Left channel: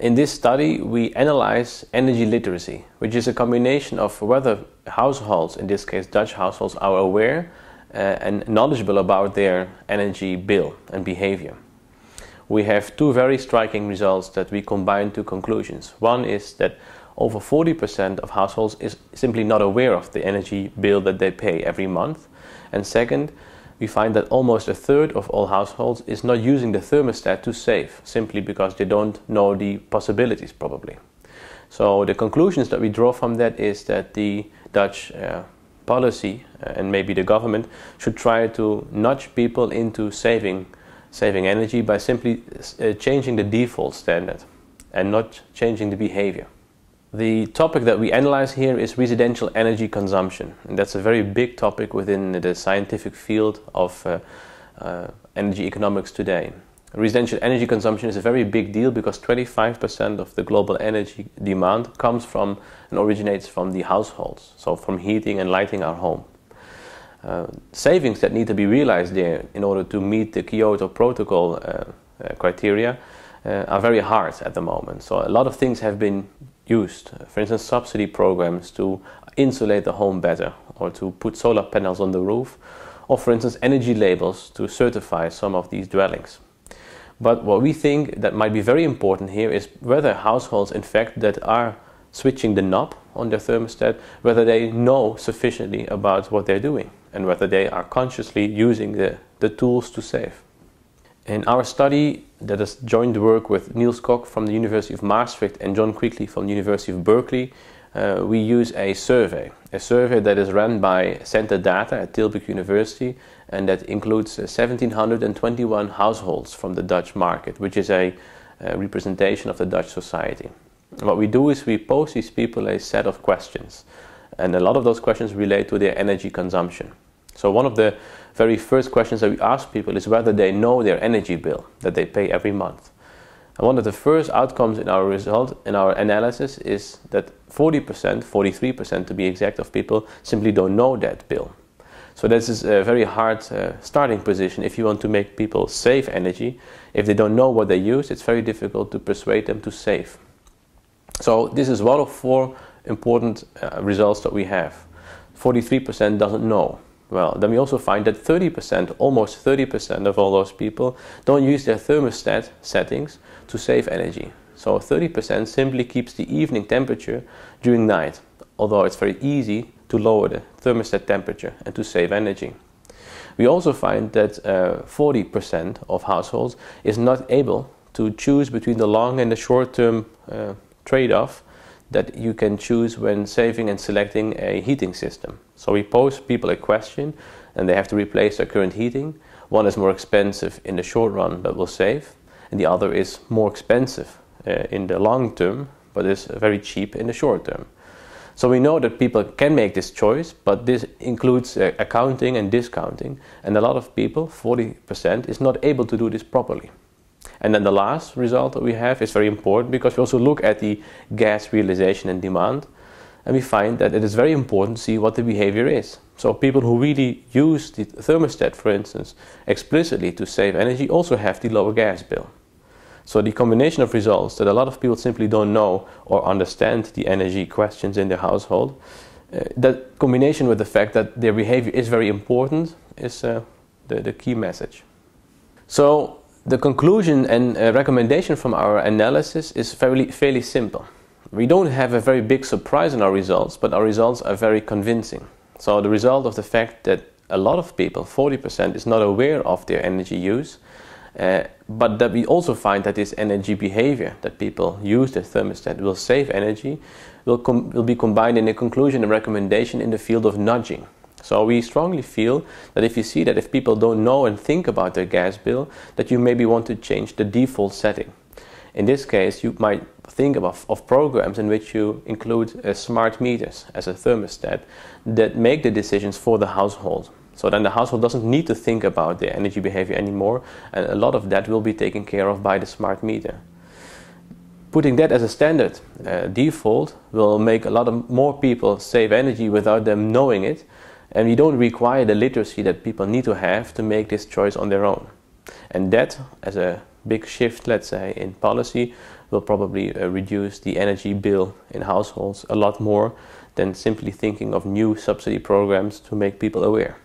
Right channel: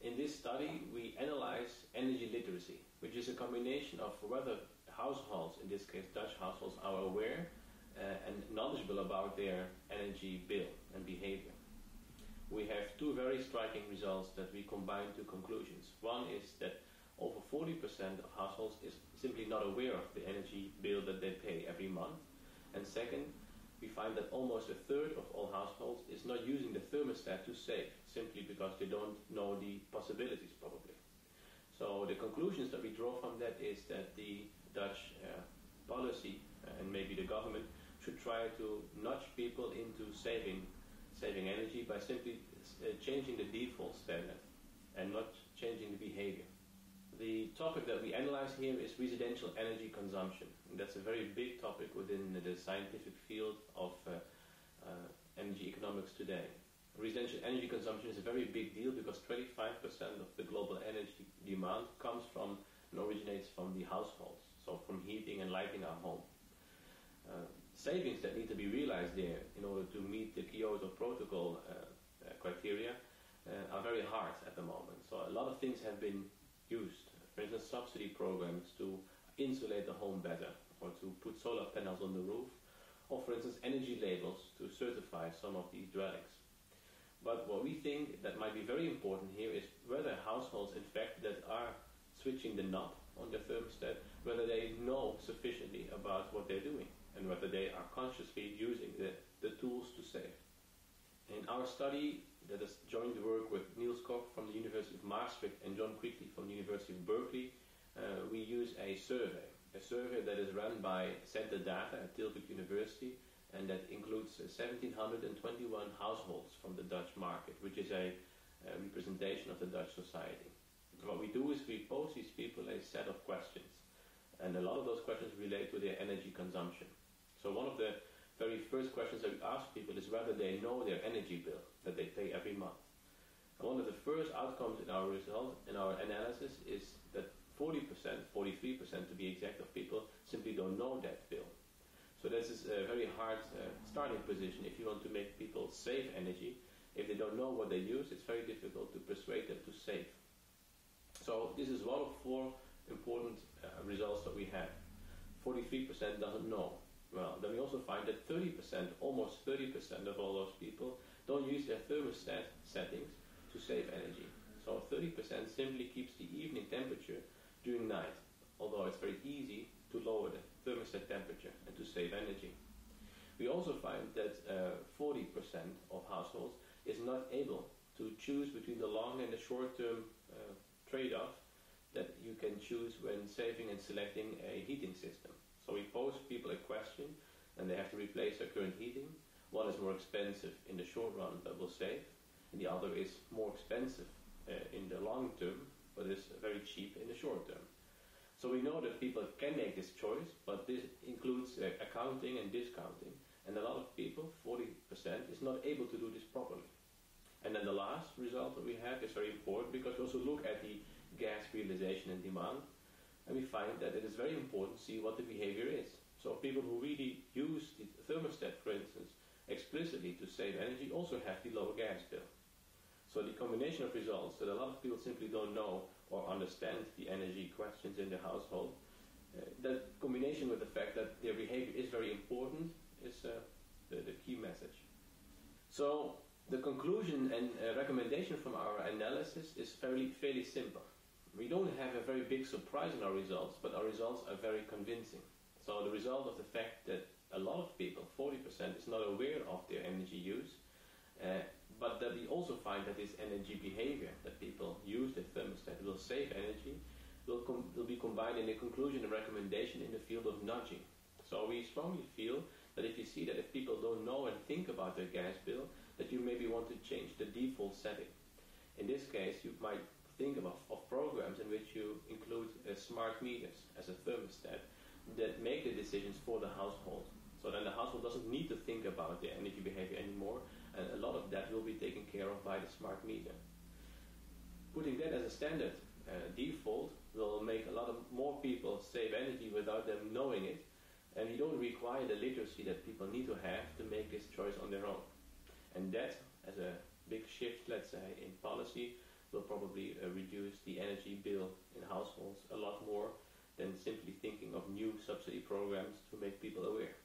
In this study, we analyze energy literacy, which is a combination of whether households, in this case Dutch households, are aware and knowledgeable about their energy bill and behavior. We have two very striking results that we combine to conclusions. One is that over 40% of households is simply not aware of the energy bill that they pay every month. And second, we find that almost a third of all households is not using the thermostat to save, simply because they don't know the possibilities probably. So the conclusions that we draw from that is that the Dutch policy and maybe the government should try to nudge people into saving energy by simply changing the default standard and not changing the behavior. The topic that we analyze here is residential energy consumption, and that's a very big topic within the scientific field of energy economics today. Residential energy consumption is a very big deal because 25% of the global energy demand comes from and originates from the households, so from heating and lighting our home. Savings that need to be realized there in order to meet the Kyoto Protocol criteria are very hard at the moment. So a lot of things have been used, for instance subsidy programs to insulate the home better, or to put solar panels on the roof, or for instance energy labels to certify some of these dwellings. But what we think that might be very important here is whether households in fact that are switching the knob on their thermostat, whether they know sufficiently about what they're doing and whether they are consciously using the tools to save. In our study, that is joint work with Niels Kok from the University of Maastricht and John Quigley from the University of Berkeley, we use a survey that is run by Center Data at Tilburg University, and that includes 1,721 households from the Dutch market, which is a representation of the Dutch society. And what we do is we pose these people a set of questions, and a lot of those questions relate to their energy consumption. So one of the very first questions that we ask people is whether they know their energy bill that they pay every month. And one of the first outcomes in our result, in our analysis, is that 40%, 43% to be exact, of people simply don't know that bill. So this is a very hard starting position if you want to make people save energy. If they don't know what they use, it's very difficult to persuade them to save. So this is one of four important results that we have. 43% doesn't know. Well, then we also find that 30%, almost 30% of all those people don't use their thermostat settings to save energy. So 30% simply keeps the evening temperature during night, although it's very easy to lower the thermostat temperature and to save energy. We also find that 40% of households is not able to choose between the long and the short-term trade-off that you can choose when saving and selecting a heating system. So we pose people a question and they have to replace their current heating. One is more expensive in the short run but will save, and the other is more expensive in the long term but is very cheap in the short term. So we know that people can make this choice, but this includes accounting and discounting, and a lot of people, 40%, is not able to do this properly. And then the last result that we have is very important because we also look at the gas realization and demand, and we find that it is very important to see what the behavior is. So people who really use the thermostat, for instance, explicitly to save energy also have the lower gas bill. So the combination of results that a lot of people simply don't know or understand the energy questions in their household, that combination with the fact that their behavior is very important is the key message. So the conclusion and recommendation from our analysis is fairly simple. We don't have a very big surprise in our results, but our results are very convincing. So the result of the fact that a lot of people, 40%, is not aware of their energy use, but that we also find that this energy behavior that people use the thermostat will save energy, will be combined in a conclusion and recommendation in the field of nudging. So we strongly feel that if you see that if people don't know and think about their gas bill, that you maybe want to change the default setting. In this case, you might think of programs in which you include smart meters as a thermostat that make the decisions for the household. So then the household doesn't need to think about their energy behavior anymore, and a lot of that will be taken care of by the smart meter. Putting that as a standard default will make a lot of more people save energy without them knowing it, and we don't require the literacy that people need to have to make this choice on their own. And that, as a big shift, let's say, in policy, will probably reduce the energy bill in households a lot more than simply thinking of new subsidy programs to make people aware.